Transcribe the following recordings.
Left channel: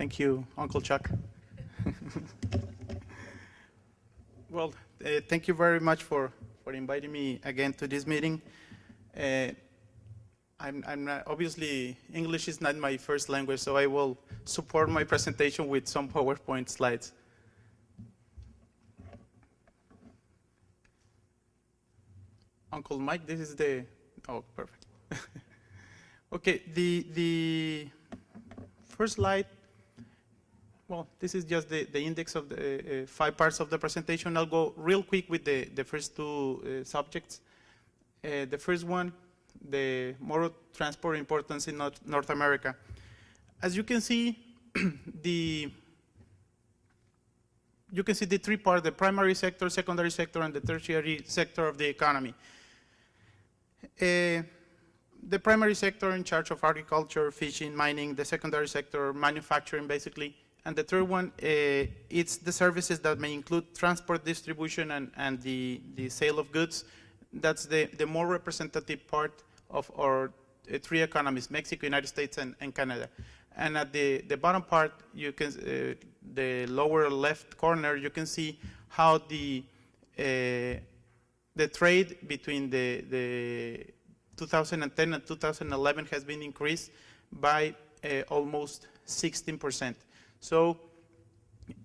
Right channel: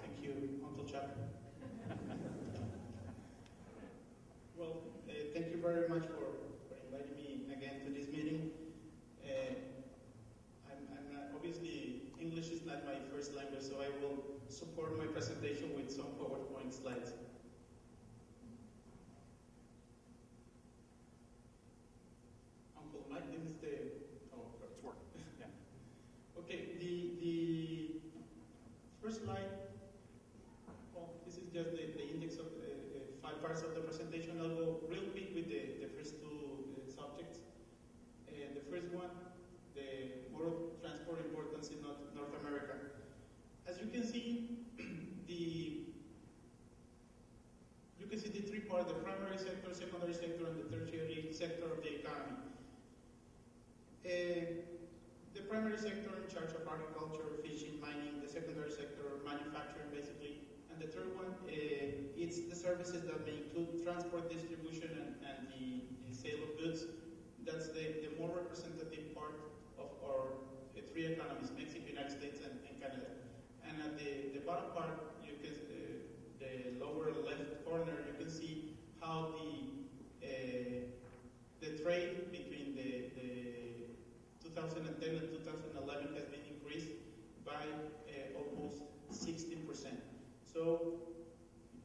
Thank you, Uncle Chuck. Well, thank you very much for inviting me again to this meeting. I'm not, obviously, English is not my first language, so I will support my presentation with some PowerPoint slides. Uncle Mike, this is the, oh, perfect. Okay, the first slide, well, this is just the index of the 5 parts of the presentation. I'll go real quick with the first 2 subjects. The first one, the motor transport importance in North America. As you can see, you can see the 3 parts, the primary sector, secondary sector, and the tertiary sector of the economy. The primary sector in charge of agriculture, fishing, mining, the secondary sector, manufacturing basically, and the third one, it's the services that may include transport, distribution, and the sale of goods. That's the more representative part of our 3 economies, Mexico, United States, and Canada. And at the bottom part, you can, the lower left corner, you can see how the trade between the 2010 and 2011 has been increased by almost 16%. So,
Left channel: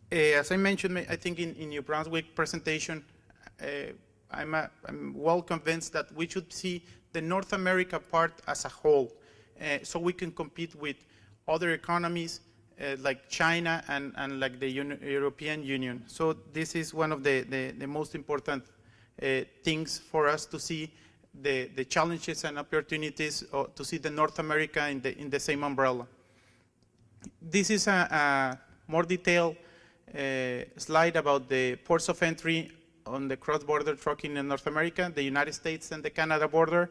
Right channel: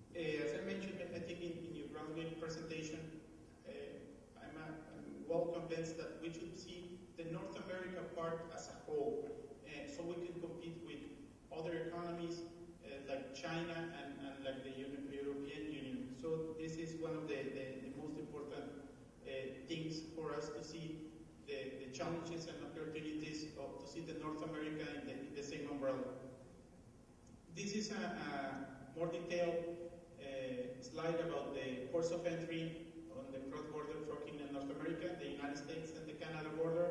as I mentioned, I think in New Brunswick presentation, I'm well convinced that we should see the North America part as a whole, so we can compete with other economies like China and like the European Union. So this is one of the most important things for us to see the challenges and opportunities to see the North America in the same umbrella. This is a more detailed slide about the ports of entry on the cross-border trucking in North America, the United States and the Canada border,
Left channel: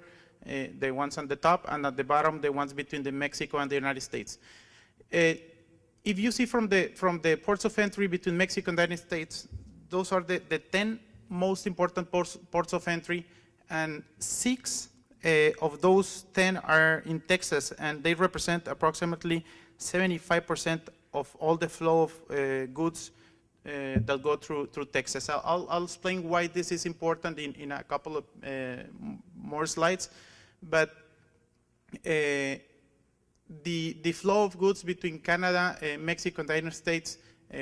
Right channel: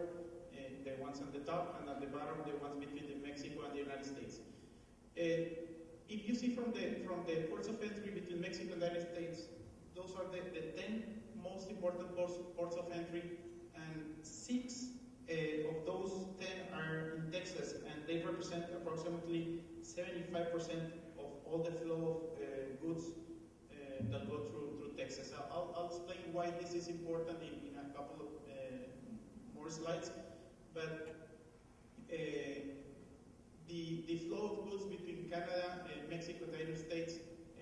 the ones on the top, and at the bottom, the ones between the Mexico and the United States. If you see from the ports of entry between Mexico and the United States, those are the 10 most important ports of entry, and 6 of those 10 are in Texas, and they represent approximately 75% of all the flow of goods that go through Texas. I'll explain why this is important in a couple of more slides, but the flow of goods between Canada, Mexico, and the United States,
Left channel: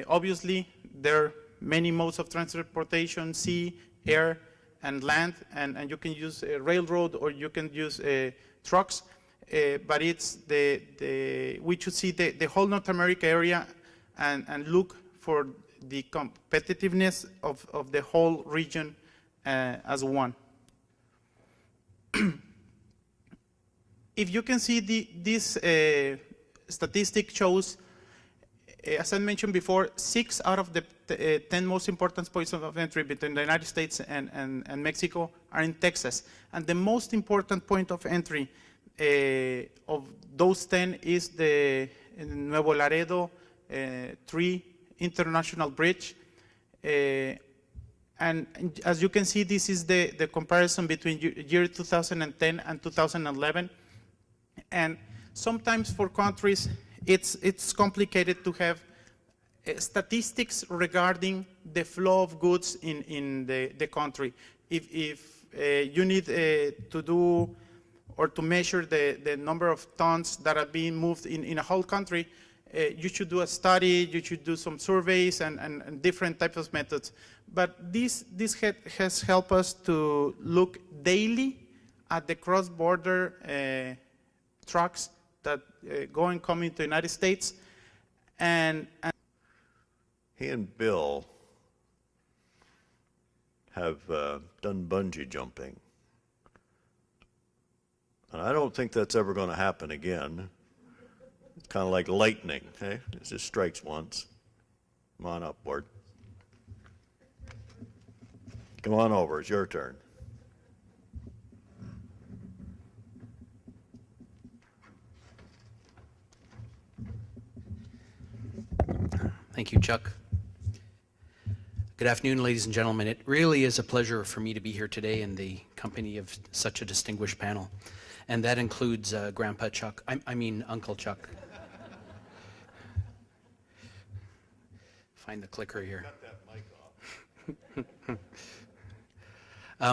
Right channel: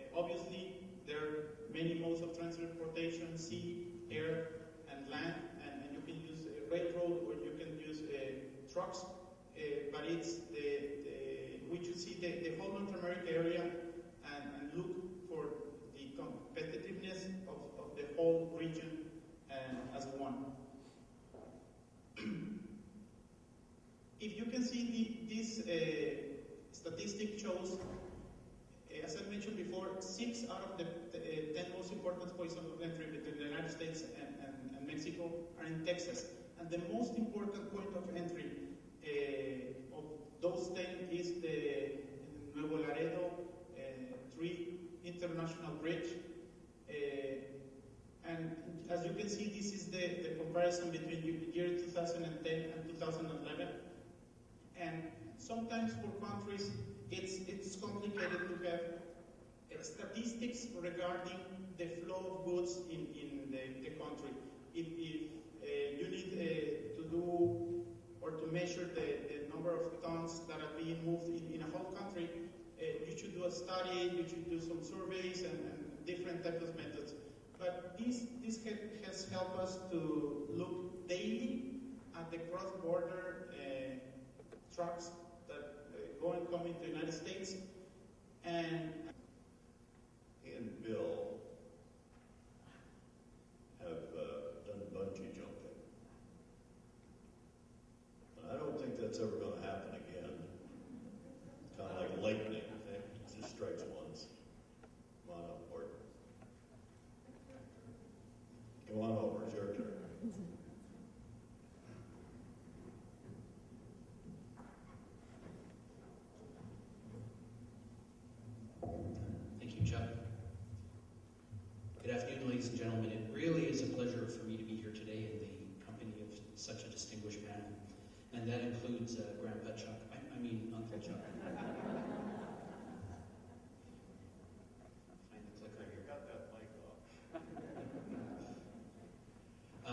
obviously there are many modes of transportation, sea, air, and land, and you can use a railroad or you can use trucks, but it's we should see the whole North America area and look for the competitiveness of the whole region as one. If you can see this statistic shows, as I mentioned before, 6 out of the 10 most important points of entry between the United States and Mexico are in Texas. And the most important point of entry of those 10 is the Nuevo Laredo 3 International Bridge. And as you can see, this is the comparison between year 2010 and 2011. And sometimes for countries, it's complicated to have statistics regarding the flow of goods in the country. If you need to do or to measure the number of tons that are being moved in a whole country, you should do a study, you should do some surveys and different types of methods. But this has helped us to look daily at the cross-border trucks that go and come into the United States. And he and Bill have done bungee jumping. And I don't think that's ever going to happen again. Kind of like lightning, okay? It just strikes once. Come on up, Bart. Come on over, it's your turn. Thank you, Chuck. Good afternoon, ladies and gentlemen. It really is a pleasure for me to be here today in the company of such a distinguished panel. And that includes Grandpa Chuck, I mean Uncle Chuck. find the clicker here.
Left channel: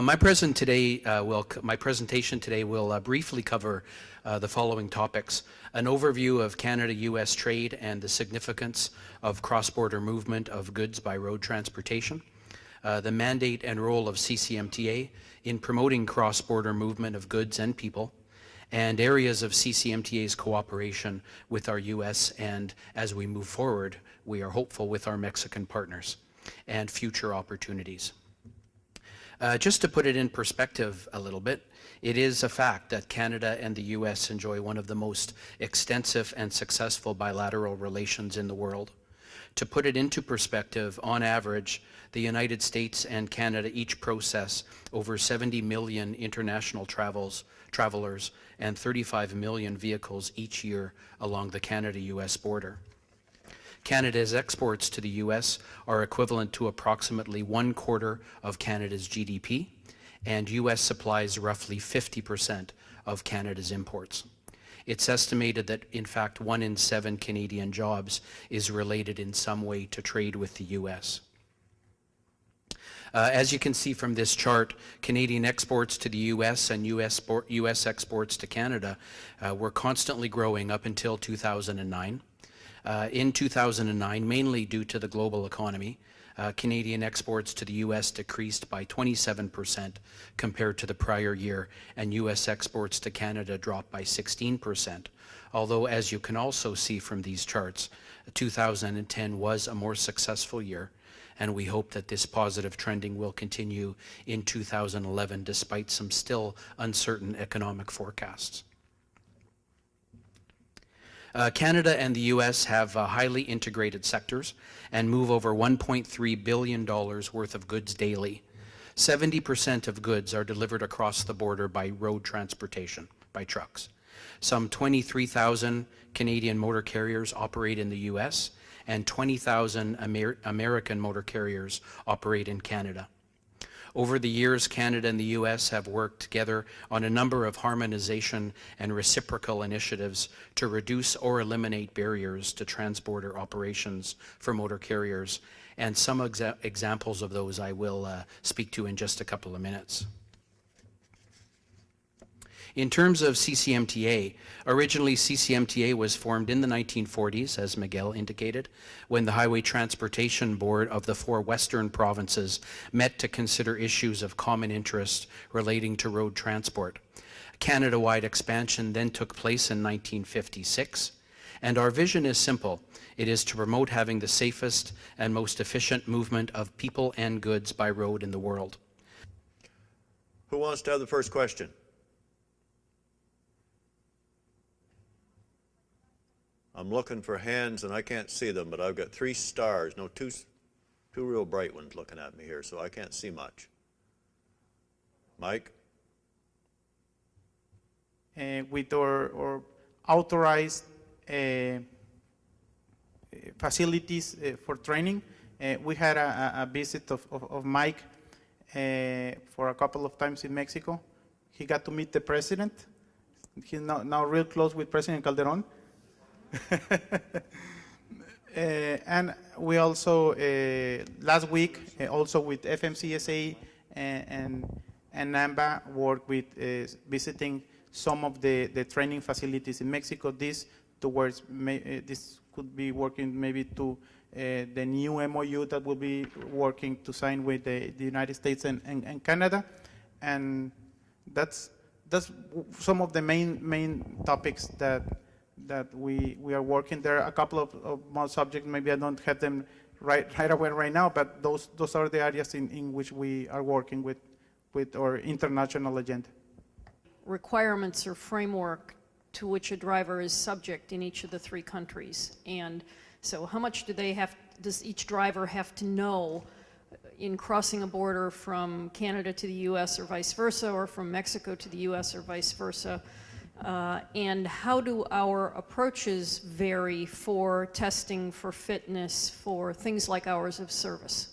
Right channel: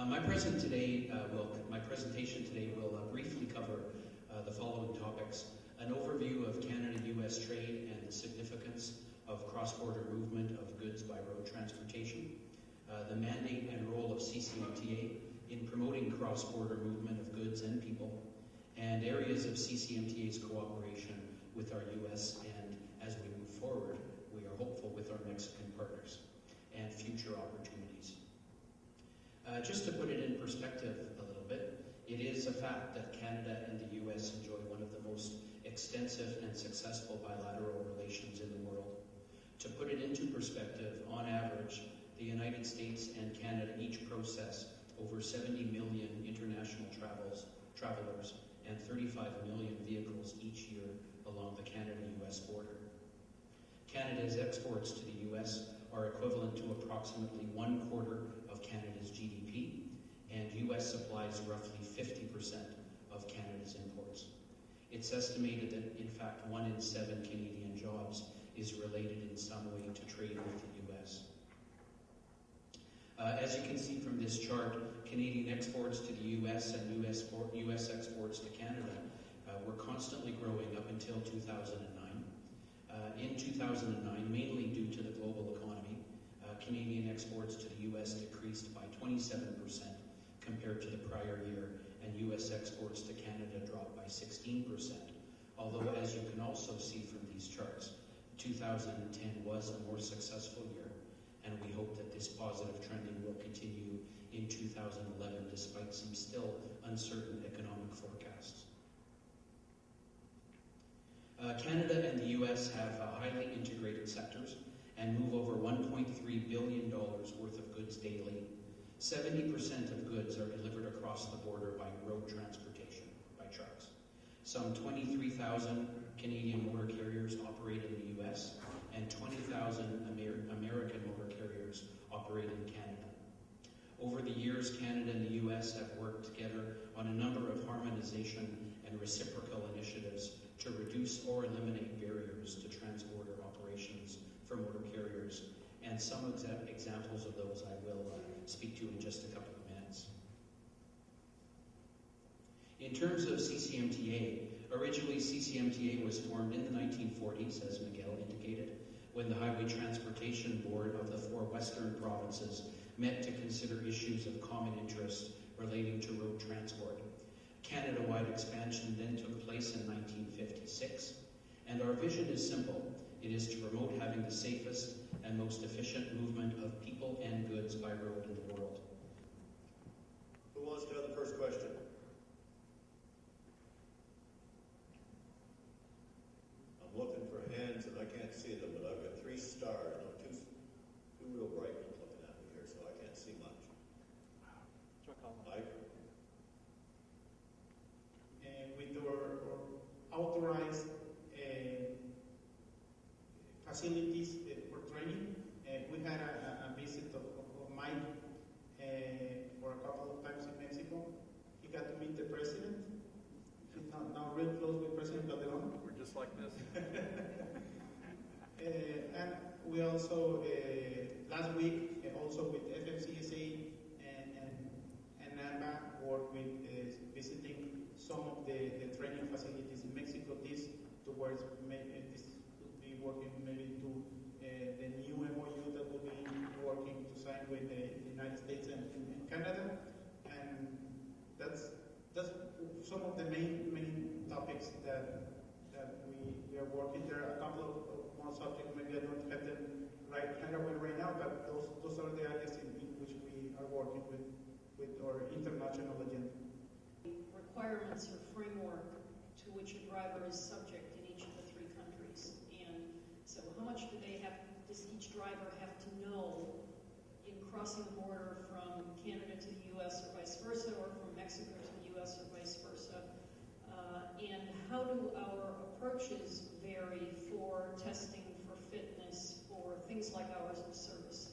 My presentation today will briefly cover the following topics: an overview of Canada-U.S. trade and the significance of cross-border movement of goods by road transportation, the mandate and role of CCMTA in promoting cross-border movement of goods and people, and areas of CCMTA's cooperation with our U.S. and, as we move forward, we are hopeful with our Mexican partners, and future opportunities. Just to put it in perspective a little bit, it is a fact that Canada and the U.S. enjoy one of the most extensive and successful bilateral relations in the world. To put it into perspective, on average, the United States and Canada each process over 70 million international travelers and 35 million vehicles each year along the Canada-U.S. border. Canada's exports to the U.S. are equivalent to approximately 1/4 of Canada's GDP, and U.S. supplies roughly 50% of Canada's imports. It's estimated that, in fact, 1 in 7 Canadian jobs is related in some way to trade with the U.S. As you can see from this chart, Canadian exports to the U.S. and U.S. exports to Canada were constantly growing up until 2009. In 2009, mainly due to the global economy, Canadian exports to the U.S. decreased by 27% compared to the prior year, and U.S. exports to Canada dropped by 16%. Although, as you can also see from these charts, 2010 was a more successful year, and we hope that this positive trending will continue in 2011 despite some still uncertain economic forecasts. Canada and the U.S. have highly integrated sectors and move over $1.3 billion worth of goods daily. 70% of goods are delivered across the border by road transportation, by trucks. Some 23,000 Canadian motor carriers operate in the U.S., and 20,000 American motor carriers operate in Canada. Over the years, Canada and the U.S. have worked together on a number of harmonization and reciprocal initiatives to reduce or eliminate barriers to transborder operations for motor carriers, and some examples of those I will speak to in just a couple of minutes. In terms of CCMTA, originally CCMTA was formed in the 1940s, as Miguel indicated, when the Highway Transportation Board of the 4 western provinces met to consider issues of common interest relating to road transport. Canada-wide expansion then took place in 1956, and our vision is simple. It is to promote having the safest and most efficient movement of people and goods by road in the world. Who wants to have the first question? I'm looking for hands and I can't see them, but I've got 3 stars, no, two real bright ones looking at me here, so I can't see much. Mike? With our authorized facilities for training, we had a visit of Mike for a couple of times in Mexico. He got to meet the president. He's now real close with President Calderon. And we also, last week, also with FMCSA and NAMBA, worked with visiting some of the training facilities in Mexico. This could be working maybe to the new MOU that will be working to sign with the United States and Canada. And that's some of the main topics that we are working. There are a couple of more subjects, maybe I don't have them right away right now, but those are the areas in which we are working with our international agenda. Requirements or framework to which a driver is subject in each of the 3 countries. And so how much does each driver have to know in crossing a border from Canada to the U.S. or vice versa, or from Mexico to the U.S. or vice versa? And how do our approaches vary for testing, for fitness, for things like hours of service?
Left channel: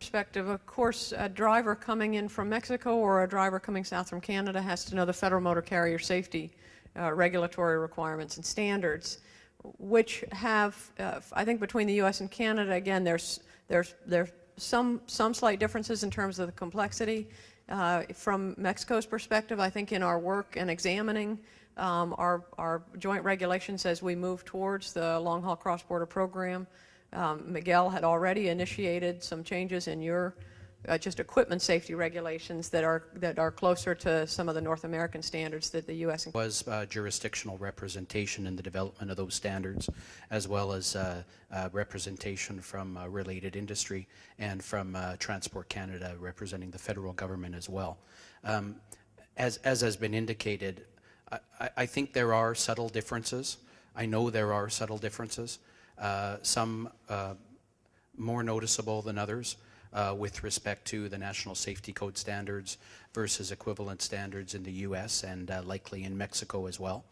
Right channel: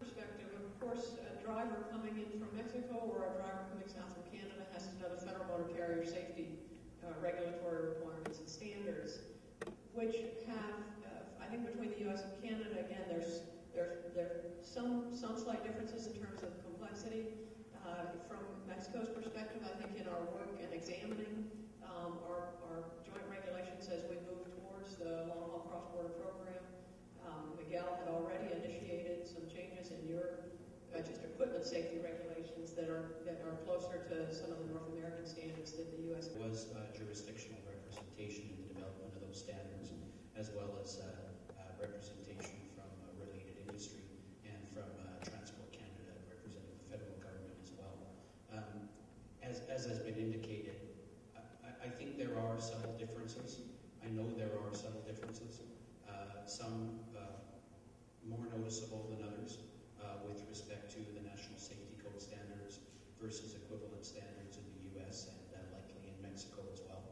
Perspective, of course, a driver coming in from Mexico or a driver coming south from Canada has to know the Federal Motor Carrier Safety regulatory requirements and standards. which have, I think between the U.S. and Canada, again, there's some slight differences in terms of the complexity. From Mexico's perspective, I think in our work and examining our joint regulations as we move towards the long-haul cross-border program, Miguel had already initiated some changes in your just equipment safety regulations that are closer to some of the North American standards that the U.S. Was jurisdictional representation in the development of those standards, as well as representation from related industry and from Transport Canada representing the federal government as well. As has been indicated, I think there are subtle differences. I know there are subtle differences, some more noticeable than others. With respect to the National Safety Code standards versus equivalent standards in the U.S. and likely in Mexico as well.